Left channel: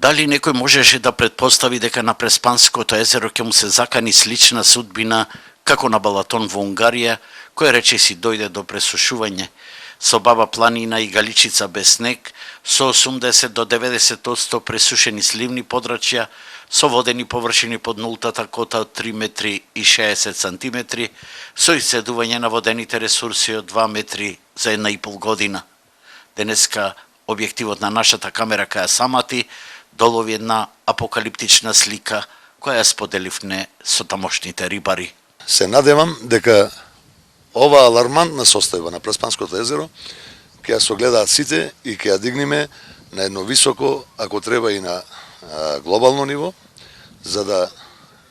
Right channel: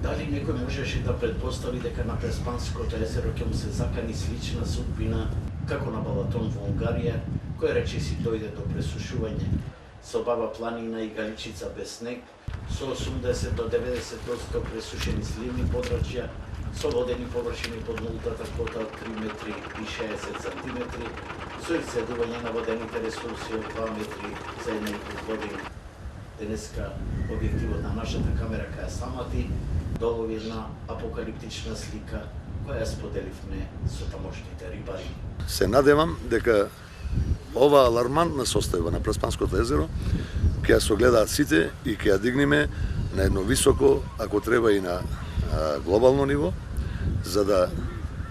Дали некој можеше да предпостави дека на Преспанското езеро ќе му се закани слична судбина како на Балатон во Унгарија, кој речиси дојде до пресушување, со Баба планина и Галичица без снег, со 80 до 90% пресушени сливни подрачја, со водени површини под нултата кота од 3 метри и 60 сантиметри, со исцедување на водените ресурси од 2 метри за 1,5 година. Денеска објективот на нашата камера каја самати долови една апокалиптична слика која споделивне со тамошните рибари. Се надевам дека ова алармантна состојба на Преспанското езеро ќе ја согледаат сите и ќе ја дигнеме на едно високо, ако треба и на глобално ниво, за да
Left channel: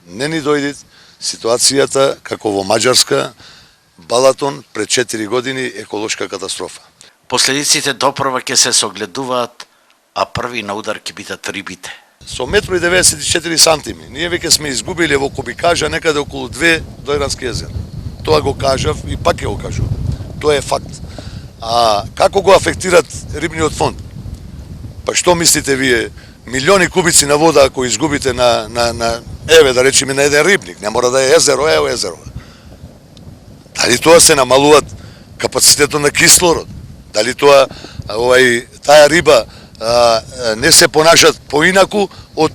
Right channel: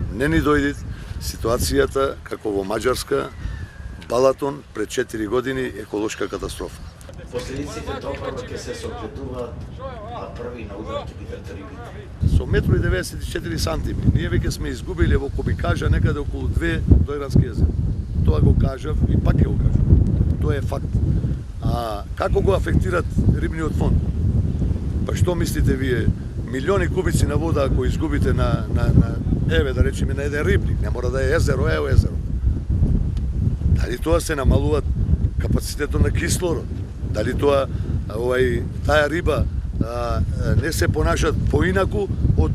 не ни дојде ситуацијата како во Маđарска, Балатон пред 4 години еколошка катастрофа. Последиците допрва ќе се согледуваат, а први на удар ќе бидат рибите. Со 1,94 сантими, ние веќе сме изгубили во кубикажа некаде околу 2 Дојрански езера. Тоа го кажав и пак ќе го кажам. Тоа е факт. А како го афектират рибниот фонд? Па што мислите вие? Милиони кубици на вода ако изгубите на еве да речеме на еден рибник, не мора да е езеро, езеро. Дали тоа се намалуваат капацитетот на кислород? Дали тоа таа риба не се понашат поинаку од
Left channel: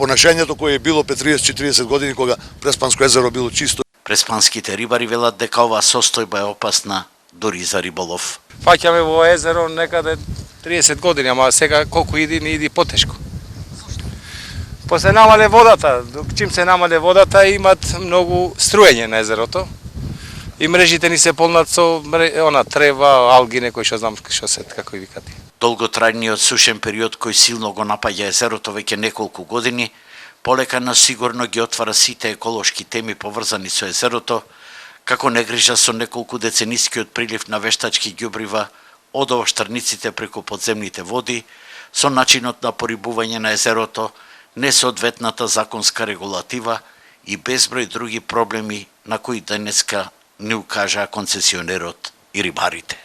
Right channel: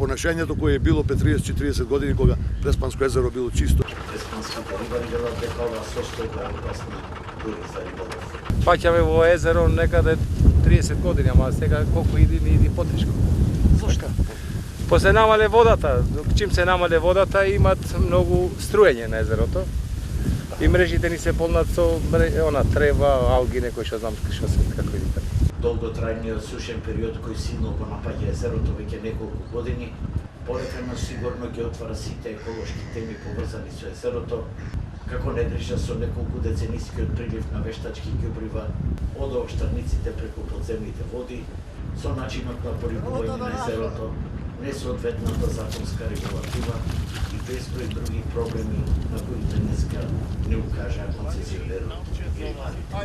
понашањето кое е било пред 30-40 години кога Преспанско езеро било чисто. Преспанските рибари велат дека оваа состојба е опасна дури за риболов. Фаќаме во езеро некаде 30 години, ама сега колку иди потешко. После намале водата, чим се намале водата имат многу струење на езерото. И мрежите ни се полнат со трева, алги, некој што знам што се, како и викате. Долготрајниот сушен период кој силно го напаѓа езерото веќе неколку години, полека но сигурно ги отвара сите еколошки теми поврзани со езерото, како негрижа со неколку деценискиот прилив на вештачки ѓубрива од овоштарниците преку подземните води, со начинот на порибување на езерото, несоодветната законска регулатива и безброј други проблеми на кои денеска ни укажаа концесионерот и рибарите.